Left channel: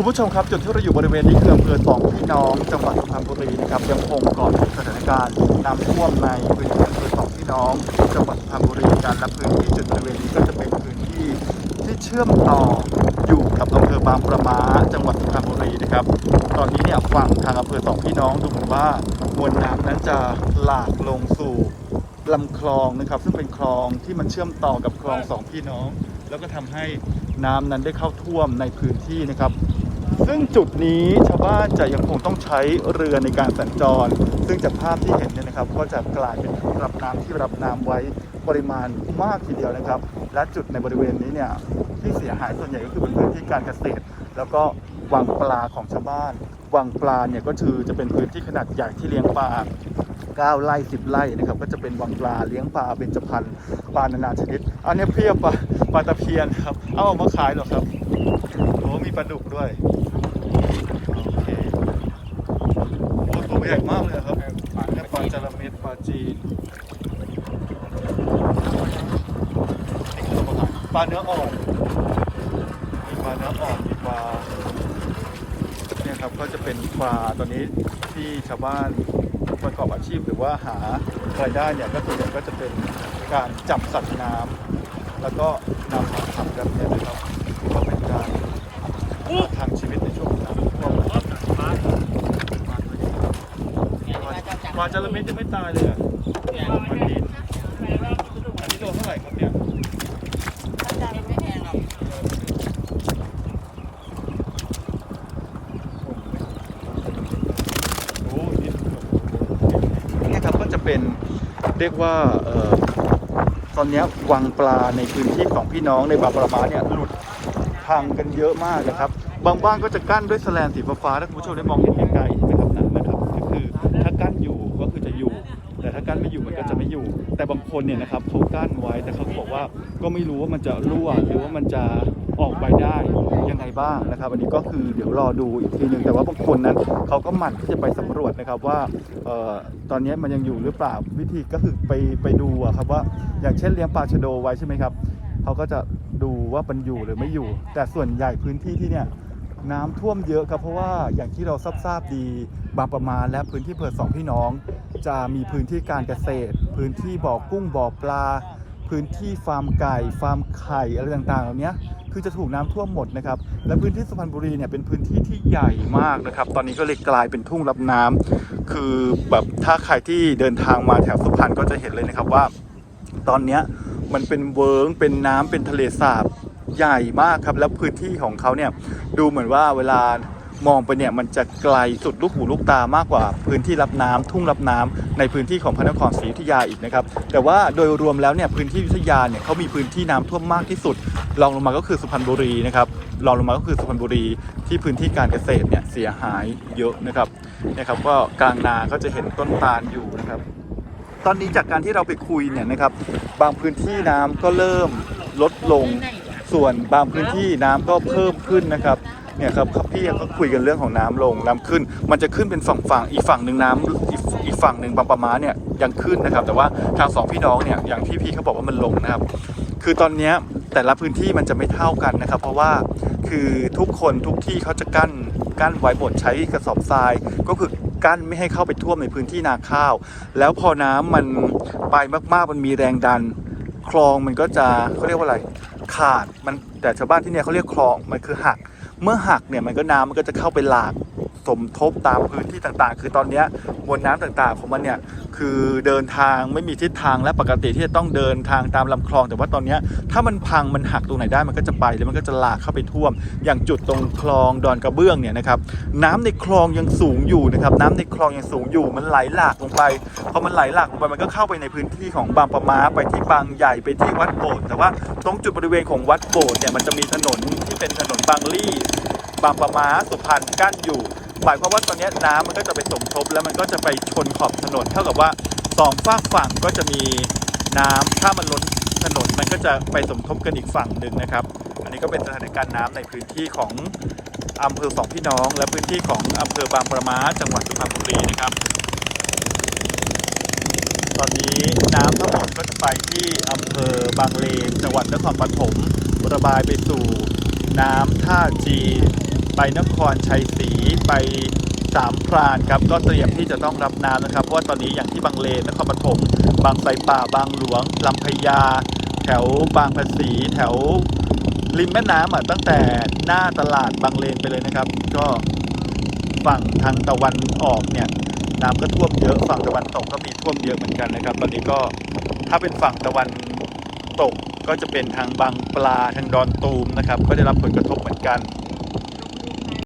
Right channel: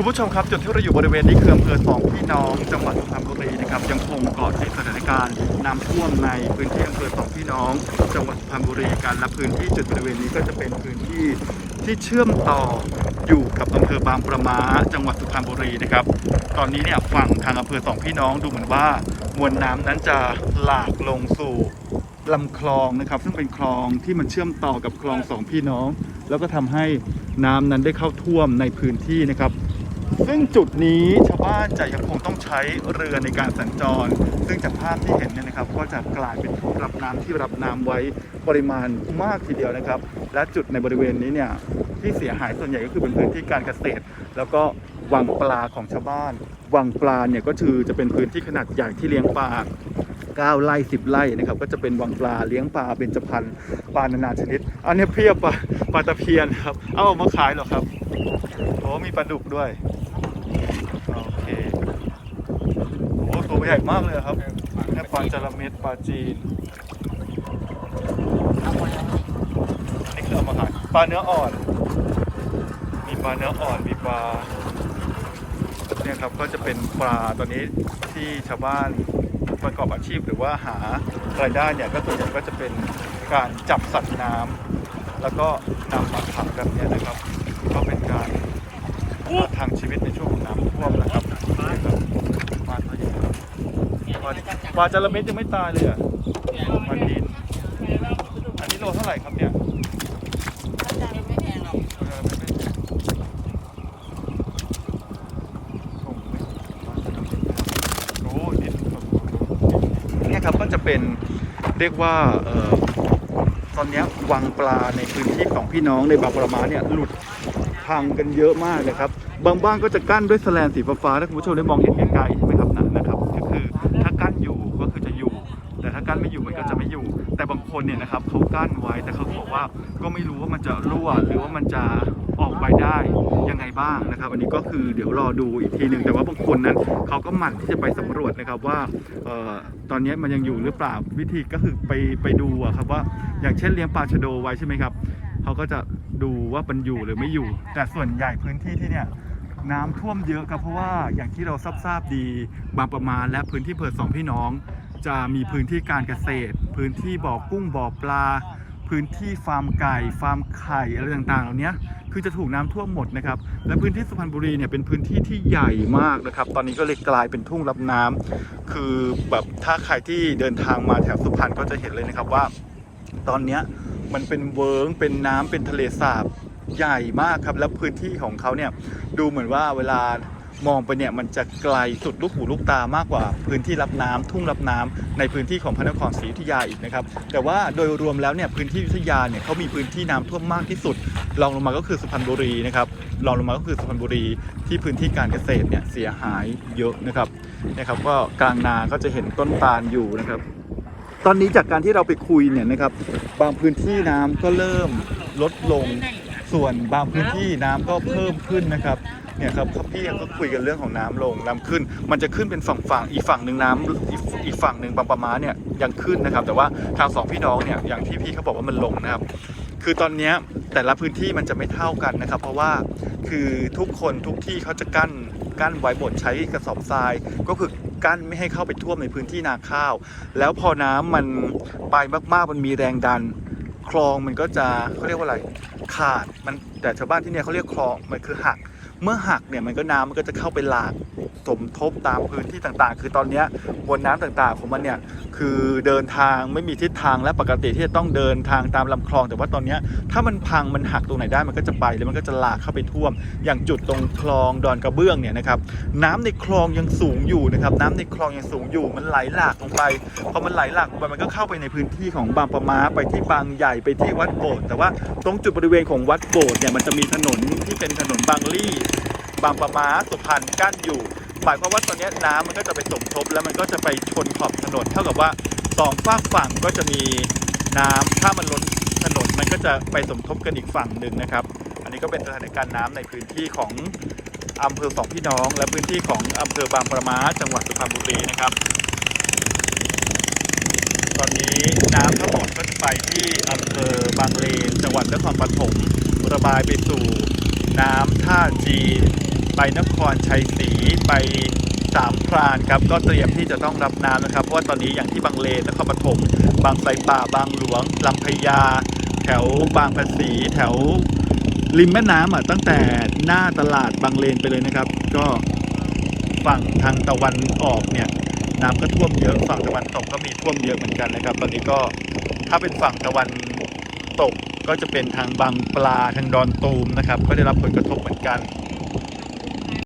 คุณผู้ชมครับจุดที่เราอยู่บริเวณนี้คืออำเภอสองพี่น้องจังหวัดสุพรรณบุรีนะครับยังคงกาะติดสถานการณ์น้ำท่วมในพื้นที่อำเภอสองพี่น้องจังหวัดสุพรรณบุรีการและพื้นที่จุดบริเวณนี้ก็จะเป็นพื้นที่ที่เชื่อมต่ออยู่กับอำเภอบางประมาจังหวัดสุพรรณบุรีนะครับ ตอนนี้เนี่ยฝั่งทางอำเภอสองพี่น้องดูเหมือนว่ามวลน้ำนั้นจะหลากลงสู่ลำคลองนะครับ ซึ่งเป็นคลองที่มันเชื่อมต่อกับคลองสองพี่น้อง แล้วก็ทำให้น้ำนั้นได้เข้าท่วมในพื้นที่นะครับ ซึ่งจุดนี้ชาวบ้านจะยังคงต้องใช้เรือในการสัญจร ซึ่งจากภาพที่เห็นเนี่ยนะครับ ก็จะกลายเป็นทุ่งรับน้ำที่รับน้ำไว้ปริมาณมากทีเดียวนะครับ และจุดในบริเวณนี้เนี่ยที่เสียหายส่วนใหญ่ก็คือเป็นพื้นที่การเกษตร แล้วก็วังปลาของชาวบ้านวังปลาเนี่ยก็คือจะเป็นพื้นที่ขนาดใหญ่ที่เลี้ยงปลา9ไร่10ไร่นะครับก็จะเป็นวังปลาเลี้ยงปลาเบญจพรรณปลานานาชนิด อันนี้เพียบปลาปลาตะเพียนครับ เอามาขายหรอครับ โอ้มีปลาดุกด้วย โอเคโอ้ตัวใหญ่มากเลยครับเนี่ยปลาจระเม็ดปลาจีนนี่คือเอามาขายปลาเนื้ออ่อน มีปลาเนื้ออ่อน มีปลา เนี่ยครับก็จะเป็นปลาตัวนี้ที่ชาวบ้านประกอบอาชีพหรือว่าหารายได้เนี่ยก็ส่วนใหญ่ก็จะเป็นการจับสัตว์น้ำแล้วก็นำมาขังแบบเนี้ยนะครับ ก็เป็นการประทังชีวิตในช่วงของน้ำท่วมนะครับเนี่ยครับปลาตัวใหญ่ครับปลาปลาจระเม็ดยังไม่ตายเลยอะปลาดินอันนี้โลเท่าไหร่ครับเนี่ยโอ้นี่นี่ครับก็จะเป็นเรียกว่าเอ่อตอนเนี้ยวังปลาในพื้นที่ของพี่น้องในบางประมาเนี่ยหลุด พังกันเยอะมากนะครับ บางบ้านก็จะกั้นด้วยแสลนสีฟ้าถ้าคุณผู้ชมได้มองเห็นไกลๆใช่ไหมครับนั่นนะครับก็คือถ้ากั้นอยู่ก็คือจะอยู่ แต่ถ้ากั้นไม่อยู่มันก็จะไม่อยู่ แต่บางคนเนี่ยนะครับเขากั้นไว้แต่เขาบอกว่าก็ไม่รู้ว่ามันจะรั่วหรือว่ามันจะออกไปได้ยังไงบ้างนะครับ อันนี้ก็คือเดี๋ยวรอดูอีกทีหนึ่งแต่ว่าบางคนนั้นเขาก็หมั่นที่จะไปสำรวจนะครับว่าออตอนนี้มันยังอยู่หรือเปล่าวิธีก็คือไปไปดูอะครับว่าอย่างเช่นเลี้ยงปลาชะโดไว้ใช่ไหมครับ เขาก็จะดูว่ามันอยู่หรือไม่อยู่ แต่ส่วนใหญ่พื้นที่ที่เนี่ยน้ำท่วมเยอะครับเพราะว่าอย่างที่เราทราบทราบดีบางประมาณและพื้นที่อำเภอสองพี่น้อง จะมีพื้นที่การเกษตร พื้นที่บ่อกุ้งบ่อปลา พื้นที่ฟาร์มไก่ ฟาร์มไข่อะไรต่างๆ เหล่านี้คือจะถูกน้ำท่วมหมดนะครับ และพื้นที่สุพรรณบุรีเนี่ยเป็นพื้นที่ที่ใหญ่มากนะครับ ตอนนี้ก็เลยกลายเป็นทุ่งรับน้ำคือแบบถ้าใครที่เดินทางมาแถวสุพรรณก็จะเห็นเลยนะครับว่า ตอนเนี้ยมันเป็นเวิร์งเป็นน้ำเป็นทะเลสาบใหญ่มากครับ แล้วพื้นที่ของเขาเนี่ยดูเหมือนว่าเวลามองไปเนี่ยมันจะไกลสุดลูกหูลูกตามากกว่าพื้นที่รับน้ำทุ่งรับน้ำในพื้นที่ของพระนครศรีอยุธยาอีกนะครับ แต่ว่าโดยรวมแล้วเนี่ยพื้นที่อยุธยาเนี่ยเขามีพื้นที่น้ำท่วมมากที่สุดรองลงมาก็คือสุพรรณบุรีนะครับรองลงมาก็คือสุพรรณบุรีที่พื้นที่การเกษตรเนี่ยเสียหายเยอะนะครับนะครับ ก็กลางนาก็จะเห็นต้นตาลอยู่นะครับ ตอนนี้จากการที่เราไปคุยเนี่ยนะครับ บางพื้นที่น้ำก็เริ่มลดลง ส่วนบางพื้นที่น้ำก็เพิ่มขึ้นนะครับเนี่ยครับครับพี่ก็คุยกันเรื่องของน้ำลงน้ำขึ้น มันจะขึ้นเป็นฝั่งฝั่งอีกฝั่งหนึ่งน้ำอีอีกฝั่งหนึ่งบางประมาเนี่ยยังขึ้นนะครับ แต่ว่าทางสองพี่น้องเนี่ยอย่างที่พี่เขาบอกว่ามันลงนะครับ คือตอนนี้แต่ละพื้นที่มันจะไม่เท่ากันนะครับ เพราะว่าคือทุกคนทุกที่เขาจะกั้น กั้นไว้หมดใช้กระสอบทราย ก็คือกั้นไม่ให้เข้าไปท่วมในพื้นที่นาข้าว แล้วพอน้ำมันไปมากๆมันมีแรงดัน คลองมันก็จะเขาเรียกว่าอะไร ขาดมันแต่ชาวบ้านที่เนี่ยเขาเรียกคลองมันคือหัก เมื่อหักเนี่ยมันก็น้ำมันก็จะเข้าไปหลากสมทบตามพื้นที่ต่างๆ คือตอนนี้มวลน้ำต่างๆ ของมันเนี่ยคือเดินทางไม่มีทิศทางและปกติที่จะต้องเดินทางตามลำคลอง แต่ว่าตอนนี้ถ้ามันพังมันหักตรงไหนได้มันก็จะไปแล้วมันก็จะหลากเข้าไปท่วม อย่างจุดตรงคลองดอนกระเบื้องเนี่ยนะครับน้ำในคลองยังสูงอยู่นะครับน้ำในคลองยังสูงอยู่มันไหลหลากลงไปพอมันไหลหลากลงไปมันก็เข้าไปในพื้นที่ของบางปะมาไปที่บางใหญ่ไปที่วัดโบสถ์แต่ว่าตรงจุดบริเวณของวัดโบสถ์เนี่ยมันจะมีถนนที่เป็นถนนบางลี่ บางปะมาสุพรรณกั้นอยู่หมายความว่าตอนนี้น้ำมันก็จะไปสมทบแล้วมันก็จะไปชนขอบถนน เท่ากับว่าสองฝากฝั่งก็จะมีน้ำถ้ามันล้นถนนมันก็จะไปสมทบกันอีกฝั่งหนึ่งนะครับ อันนี้ก็เป็นสถานการณ์น้ำในพื้นที่ของอำเภอสองพี่น้อง และพื้นที่ของอำเภอบางประมาจังหวัดสุพรรณบุรีนะครับ ตอนนี้น้ำทั้งหมดก็จะไปที่อำเภอบางเลนจังหวัดนครปฐมระบายไปสู่น้ำท่าจีน ไปนครชัยศรีไปสามพรานครับก็เตรียมที่จะต้องรับน้ำนะครับเพราะว่าตอนนี้อย่างที่บางเลนนครปฐมบางไทรป่าบางหลวงลำพญา แถวบางภาษีแถวริมแม่น้ำอะตั้งแต่หน้าตลาดบางเลนไปเลยนะครับ ก็ฝั่งทางตะวันออกเนี่ยน้ำก็ท่วมเยอะฝั่งตะวันตกก็มีท่วมเยอะเหมือนกันนะครับ ตอนนี้ก็ถ้าเป็นฝั่งตะวันตกก็จะเป็นทางบางปลาทางดอนตูมนะครับ ก็ได้รับผลกระทบเหมือนกัน